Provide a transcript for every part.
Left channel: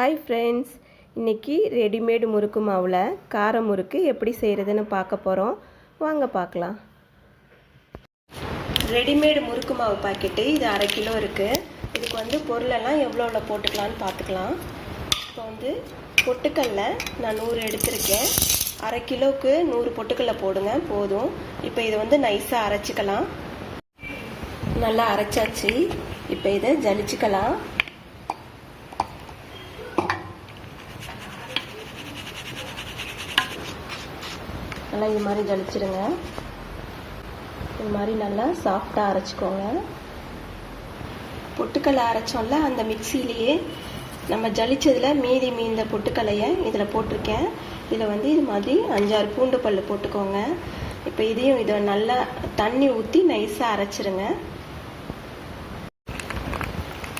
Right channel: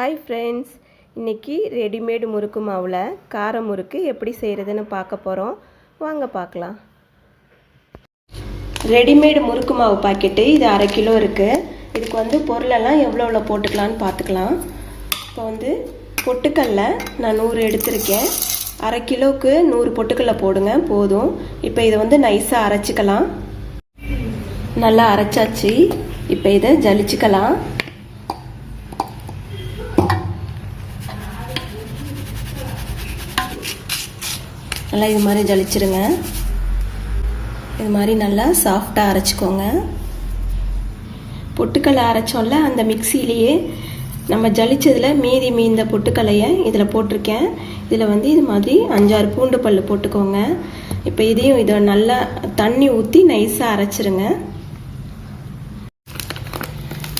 Hi friends, இன்றைக்கி readymade முறுக்கு மாவில் கார முறுக்கு எப்படி செய்கிறதுன்னு பார்க்க போகிறோம். வாங்க பார்க்கலாம். ரெடிமேடு முறுக்கு மாவு பாக்கெட்டு இது 1/2 கிலோ இருக்குது. இதுக்கு பொருளெல்லாம் எவ்வளோ போட்டுக்கலான்னு பார்த்துக்கலாம். இப்போ பொட்டுக்கல்ல நான் 100 எடுத்திருக்கேன். 1/2 கிலோவுக்கு 100 பொட்டுக்கல்ல போடுங்க போதும். இப்போ இதை நைஸாக அரைச்சிக்கலாம். நல்லா அரைச்சாச்சு. இப்போ இதை ஜலிச்சுக்கலாம். நல்லா இது மாதிரி ஜலிச்சிருங்க. இது மாதிரி நல்லா சாஃப்டாக அரைச்சிக்கோங்க. பொட்டுக்கல்லை அரைச்சோம்ல, அந்த மிக்சியிலேயே நம்ம ஜலிச்சதில் மீந்த பொட்டுக்கல்லையை இதில் போட்டிருக்கேன். இதில் இது மாதிரி 5-6 பூண்டு பல் போட்டுக்கோங்க. இப்போ இதை நல்லா தண்ணி ஊற்றி நைஸாக அரைச்சிருங்க.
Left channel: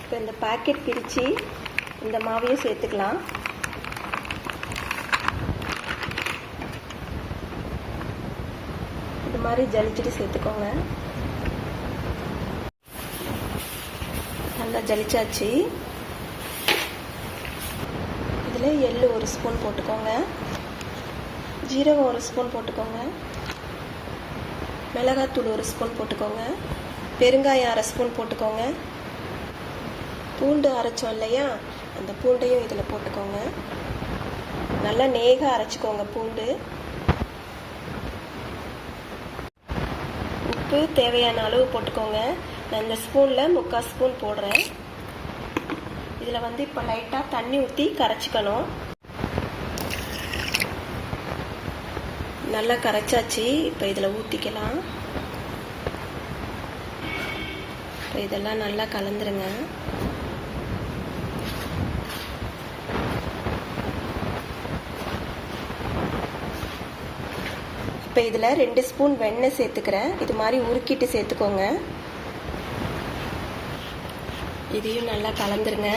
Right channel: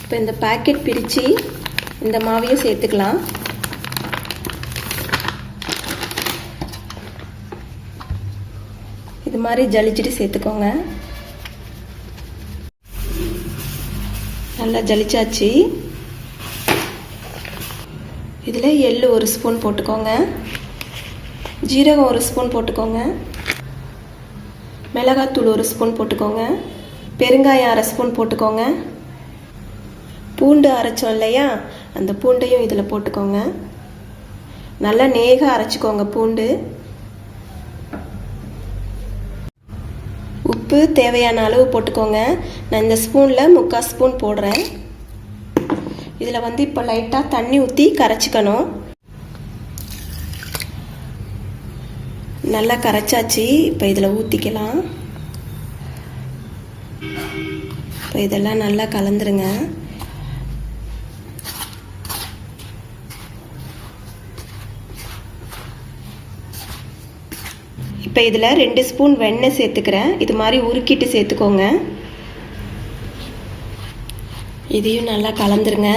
இப்போ இந்த பேக்கெட் பிரித்து இந்த மாவையும் சேர்த்துக்கலாம். இது மாதிரி ஜலிச்சுட்டு சேர்த்துக்கோங்க. நல்லா ஜலிச்சாச்சு. இதில் எள்ளு 1 ஸ்பூன் போட்டுக்கோங்க. ஜீரகம் 1 ஸ்பூன் போட்டுக்கோங்க. மிளகாத்தூள் 1 ஸ்பூன் போட்டுக்கோங்க. பெருங்காயம் 1/2 ஸ்பூன் போட்டுக்கோங்க. பூண்டு அரைச்சோம் இல்லையா, அந்த பூண்டையும் இதில் போட்டுக்கோங்க. நல்லா நேகாக அரைச்சிக்கோங்க பூண்டு. உப்பு தேவையான அளவு போட்டுக்கோங்க. நான் இந்த ஸ்பூனில் 3/4 ஸ்பூன் போடுறேன். இதில் இப்போ லைட்டாக தண்ணி ஊற்றி கரைச்சிக்கணும். நல்லா கரைச்சாச்சு. இப்போ இதில் ஊற்றிக்கலாம். இப்போ இதெல்லாம் நல்லா கலந்துருங்க. இப்போ இதில் 2 ஸ்பூன் வெண்ணெய் சேர்த்துக்கிறேன். இது மாதிரி உருக்கிட்டு சேர்த்துக்கோங்க. இதையும் நல்லா கலந்துருங்க.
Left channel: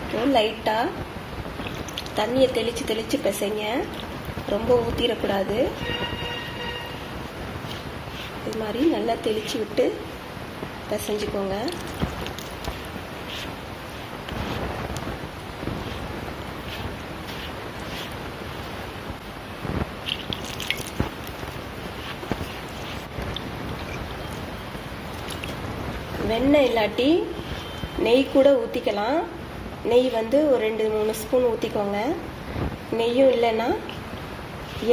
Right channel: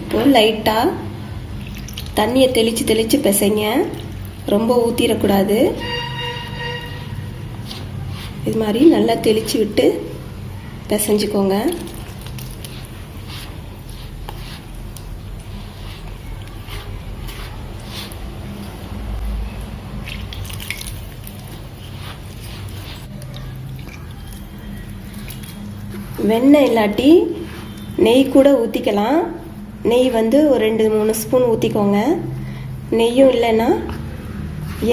இப்போ லைட்டாக தண்ணியை தெளித்து பிசைங்க. ரொம்ப ஊற்றிடக்கூடாது. இது மாதிரி நல்லா தெளித்து விட்டு பிசைஞ்சுக்கோங்க. வெண்ணெய் இல்லாட்டி நெய் கூட ஊற்றிக்கலாம். நெய் ஒரு 2-3 ஸ்பூன் ஊற்றிக்கோங்க. நெய்யும் இல்லைன்னா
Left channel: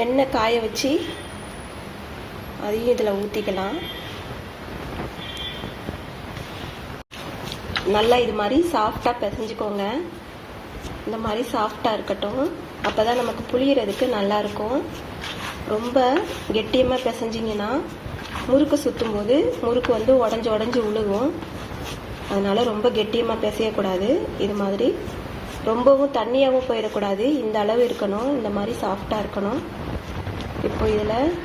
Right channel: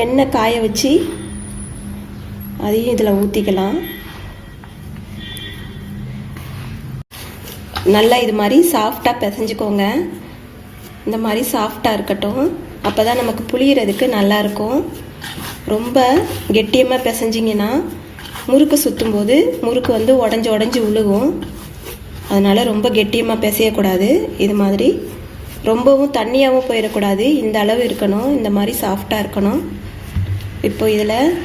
எண்ணெய் காய வச்சு அதையும் இதில் ஊற்றிக்கலாம். நல்லா இது மாதிரி சாஃப்டாக பிசைஞ்சுக்கோங்க. இந்த மாதிரி சாஃப்டாக இருக்கட்டும். அப்போ தான் நமக்கு புளியறதுக்கு நல்லாயிருக்கும். ரொம்ப கெட்டியமாக பிசைஞ்சிங்கன்னா முறுக்கு சுற்றும் போது முறுக்கு உடஞ்சி உழுகும். அதனால் ரொம்ப கெட்டியமாக பிசையக்கூடாது. இது மாதிரி ரொம்பவும் தண்ணியாகவும் போயிடக்கூடாது. இந்த அளவு இருக்கணும். இந்த மாதிரி சாஃப்டாக இருக்கணும். இப்போ இதில்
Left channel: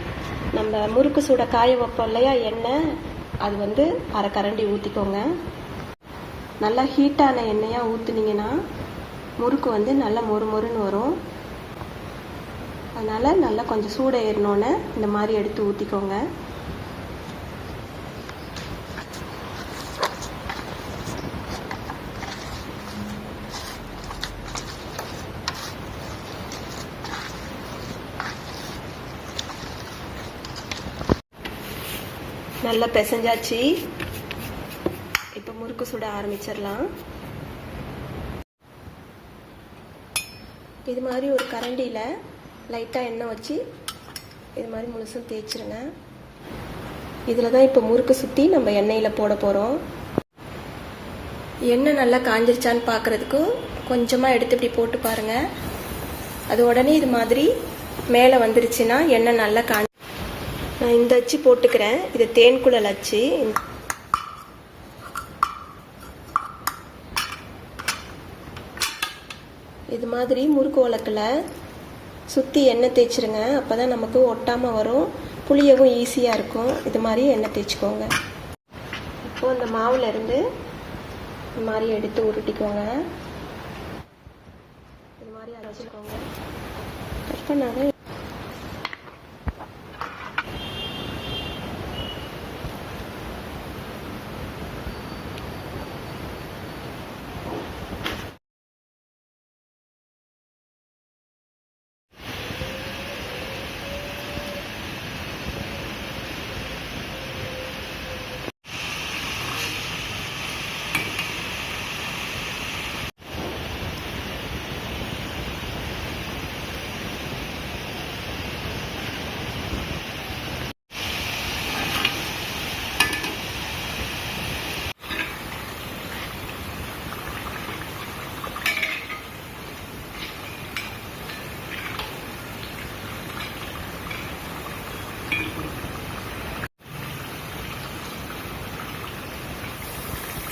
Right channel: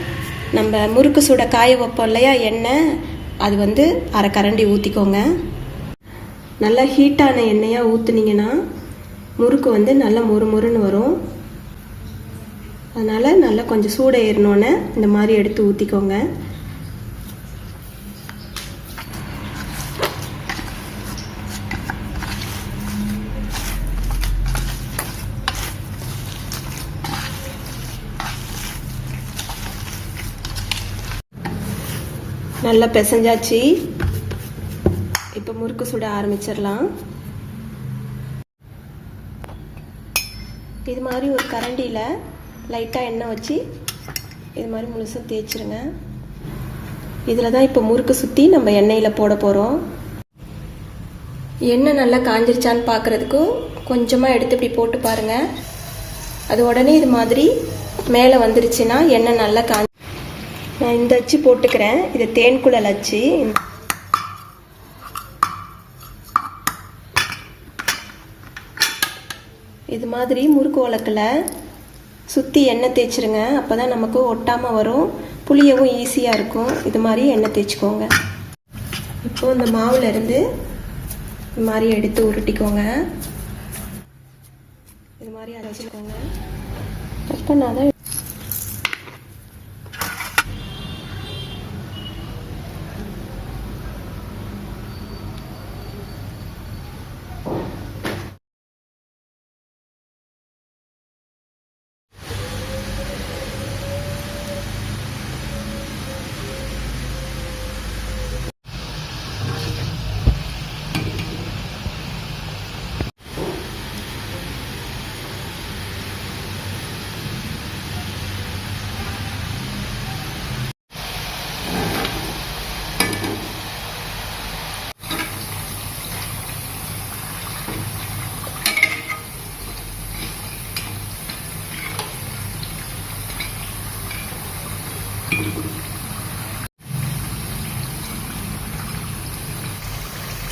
நம்ம முறுக்கு சுட காய வைப்போம் இல்லையா எண்ணெய், அது 1/2 கரண்டி ஊற்றிக்கோங்க. நல்லா ஹீட்டான எண்ணெயாக ஊற்றுனீங்கன்னா முறுக்கு நல்லா மொறுன்னு வரும். அதனால் நல்லா கொஞ்சம் சூட ஏறினோன்னே இந்த மாதிரி எடுத்து ஊற்றிக்கோங்க. நல்லா பிசைஞ்சாச்சு. இப்போ முறுக்கு சுட ஆரம்பிச்சிடலாம். இது மாதிரி ஒரு கரண்டியில் லைட்டாக எண்ணெய் வச்சு இது மாதிரி முழுசும் தேய்ச்சிருங்க. இதில் தான் இப்போ முறுக்கு சுற்றி நம்ம எண்ணெயில் போட போகிறோம். எண்ணெய் நல்லா காஞ்சிருச்சான்னு பார்க்குறதுக்கும் கொஞ்சமாக எடுத்து இப்படி போட்டு பாருங்கள். அது உடனே இது மாதிரி மேலே வந்துருச்சுன்னா எண்ணெய் நல்லா நான் இந்த அச்சு போட்டுக்கிறேன். இது தேன்குழல் அச்சு. இது மாதிரி முறுக்கு உலக்கில் சுற்றி எண்ணெய் தேய்ச்சிருங்க. அப்போ தான் நமக்கு ஒட்டாமல் வரும். புளியவும் ஈஸியாக இருக்கும். இது மாதிரி எண்ணெய் தேய்ச்சிக்கோங்க. இப்போது இந்த மாவுலேருந்து இது மாதிரி எடுத்து உருட்டிக்கோங்க. இது மாதிரி அரைச்சிக்கோங்க. அப்போ நான்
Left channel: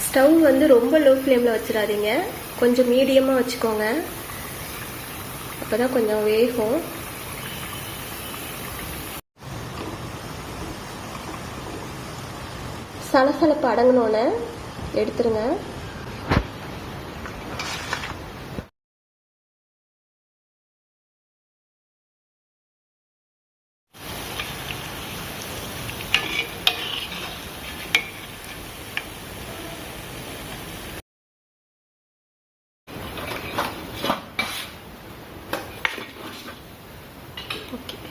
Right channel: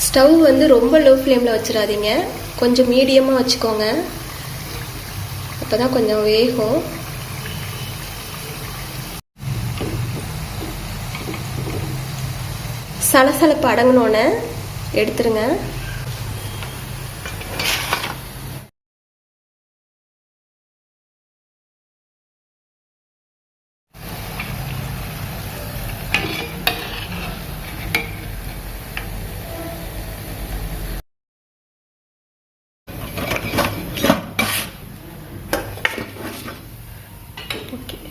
ஸ்டவ் வந்து ரொம்ப லோ ஃப்ளேமில் வச்சிடாதீங்க, கொஞ்சம் மீடியமாக வச்சுக்கோங்க, அப்போ தான் கொஞ்சம் வேகும். சலசலப்பு அடங்கினோன்னே எடுத்துருங்க.